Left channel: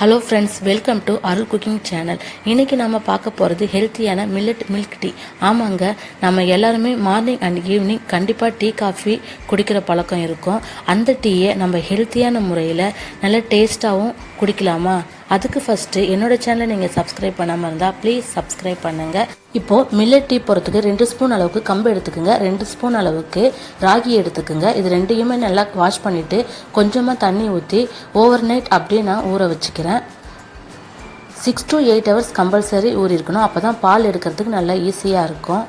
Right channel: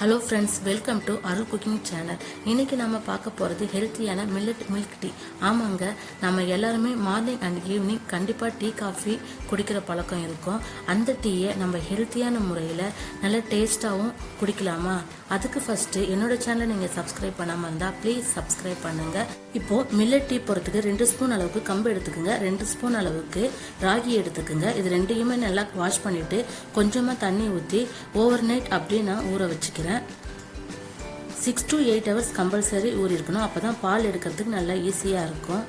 Hello friends, welcome to Arul cooking channel. இன்றைக்கி நம்ம பார்க்க போகிறது ஹெல்த்தியான மில்லட் மில்க் டீ. ஆமாங்க, நம்ம எல்லாருமே மார்னிங் அண்ட் ஈவினிங் கண்டிப்பாக டீ காஃபி குடிக்கிற பழக்கம் இருக்கும். அந்த டீயை நம்ம ஹெல்த்தியான முறையில் நல்ல டேஸ்ட்டாகவும் குடிக்கலாமா? அதுக்கு ஃபஸ்ட்டு என்னோடய சேனலை நீங்கள் சப்ஸ்கிரைப் பண்ணாமல் இருந்தால் ப்ளீஸ் சப்ஸ்கிரைப் பண்ணுங்கள். இப்போது மில்லட் டீ போகிறதுக்கு 2 ஸ்பூன் அளவுக்கு கம்பு எடுத்துக்கோங்க, 2 ஸ்பூன் அளவுக்கு ராகி எடுத்துக்கோங்க. இது ரெண்டையுமே நல்லா வாஷ் பண்ணிவிட்டு கொஞ்சமாக தண்ணி ஊற்றி ஓவர் நைட் அப்படியே நான் ஊற வச்சுக்கிறேன். 6 to 8 hours கம்பல்சரி ஊறி இருக்கணும். அப்போ தான் பால் எடுக்கிறதுக்கு நல்லா ஈஸியாக இருக்கும்.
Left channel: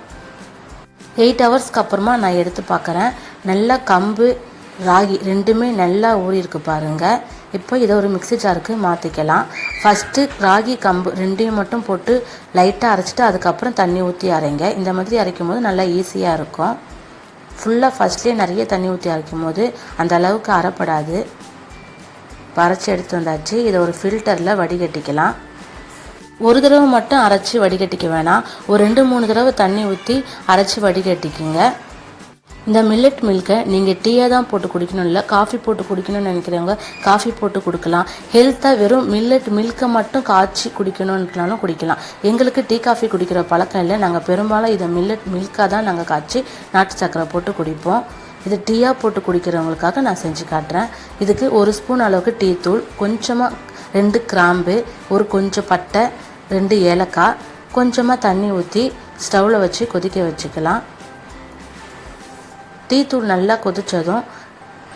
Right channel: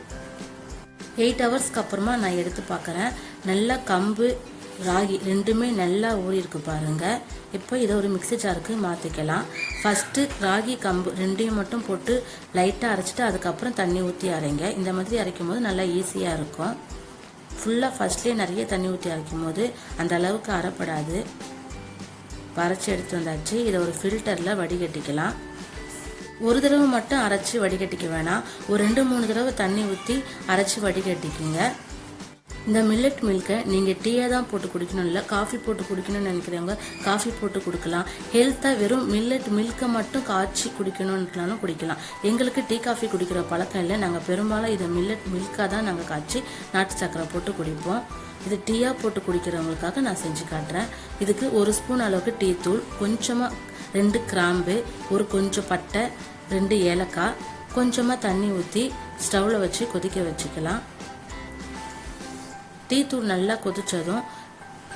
8 ஹவர்ஸ்க்கு அப்புறமா நான் எடுத்து பார்க்குறேன். நல்லா கம்பு ராகி ரெண்டுமே நல்லா ஊறி இருக்கு பாருங்கள். இப்போ இதை ஒரு மிக்ஸி ஜாருக்கு மாற்றிக்கலாம். ஃபஸ்ட்டு ராகி கம்பு ரெண்டையும் மட்டும் போட்டு லைட்டாக அரைச்சிட்டு அதுக்கப்புறம் தண்ணி ஊற்றி அரைங்க. இந்த மாதிரி அரைக்கும் போது நல்லா ஈஸியாக இருக்கும். ஃபுல்லாக ஃபஸ்ட்லேயே நிறைய தண்ணி ஊற்றி அரைக்கும் போது அந்த அளவுக்கு அரைப்படாது. அரைச்சி எடுத்து வந்தாச்சு. இதை ஒரு ஃபில்டரில் வடிகட்டிக்கலாம். ஒரு தடவை மட்டும் அரைச்சி வடிகட்டிக்க வேணாம், ஒரு 2-3 தடவை தண்ணி ஊற்றி அரைச்சி வடிகட்டிக்குங்க. இந்த மில்லட் மில்கை நீங்கள் டீயாக தான் போட்டு குடிக்கணும், இல்லை காஃபி போட்டு குடிக்கணும்னு நினைக்கிறவங்க காஃபி போட்டு கொடுக்கலாம். ஹெல்த்தாக வெறும் மில்லட் மில்கை மட்டும் காய்ச்சி குடிக்கணும்னாலும் குடிக்கலாம். எங்களுக்கு டீ காஃபி குடிக்கிற பழக்கம் இல்லை. நாங்கள் பெரும்பாலும் இதை மில்லட் மில்காக தான் நாங்கள் காய்ச்சி நாட்டு சக்கரை போட்டு குடிப்போம். இது டீயாக போட்டு குடிக்கிறவங்களுக்காக நான் செஞ்சு காட்டுறேன். இதுக்கு 1 ஸ்பூன் அளவுக்கு டீ தூள், கொஞ்சமாக 2 கிராம்பு, ஒரு கொஞ்சம் பட்டை, 2 ஏலக்காய், கொஞ்சமாக தண்ணி ஊற்றி ஸ்டவ்வில் வச்சு கொதிக்க வச்சுக்கலாம். டீ தூள் நல்லா கொதித்ததும்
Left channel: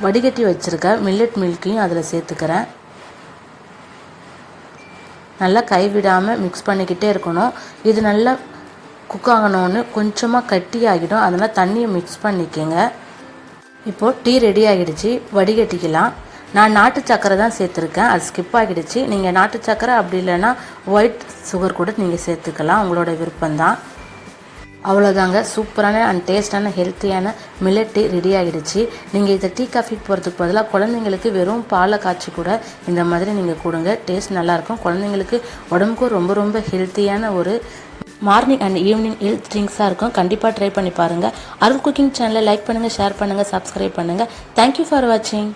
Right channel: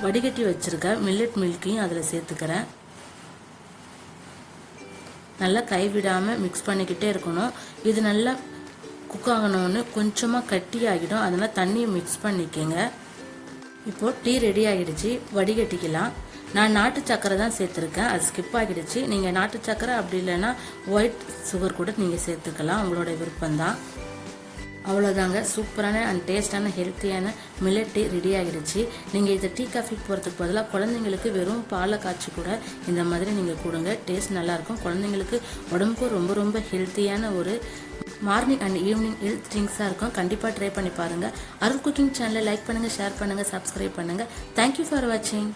வடிகட்டி வச்சுருக்க மில்லட் மில்கையும் அதில் சேர்த்துக்கிறேன். நல்லா கைவிடாமல் மிக்ஸ் பண்ணிக்கிட்டே இருக்கணும். இது நல்லா குக் ஆகணும்னு கொஞ்சமாக கட்டி ஆகிடும், அதனால் தண்ணியை மிக்ஸ் பண்ணிக்கோங்க. இப்போது டீ ரெடி ஆகிடுச்சு, வடிகட்டிக்கலாம். நான் நாட்டு சக்கரை தான் சேர்த்துருக்கேன், அது ஸ்கிப் ஆகிடுச்சு. நீங்கள் நாட்டு சக்கரை அப்படி இல்லைன்னா ஒயிட் சுகர் கூட நீங்கள் சேர்த்துக்கலாம், உங்களோட விருப்பம்தான். அவ்வளோதாங்க, சூப்பரான அண்ட் டேஸ்டான ஹெல்த்தியான மில்லட் டீ ரெடி ஆகிடுச்சு. நீங்கள் இதை டீ காஃபி போகிறதுக்கு பதிலாக குழந்தைங்களுக்கு வெறும் பாலை காய்ச்சி கூட இந்த மாதிரி நீங்கள் கொடுங்க, டேஸ்ட் நல்லாயிருக்கும். குழந்தைங்களுக்கு உடம்புக்கும் ரொம்ப ரொம்ப ஹெல்த்தியான ஒரு மார்னிங் அண்ட் ஈவினிங் ஹெல்த் ட்ரிங்க்ஸாக இருக்கும். கண்டிப்பாக ட்ரை பண்ணி பாருங்கள். அருள் குக்கிங் சேனலை லைக் பண்ணுங்கள், ஷேர் பண்ணுங்கள், சப்ஸ்கிரைப் பண்ணுங்கள். தேங்க்யூ ஃபார் வாட்சிங்.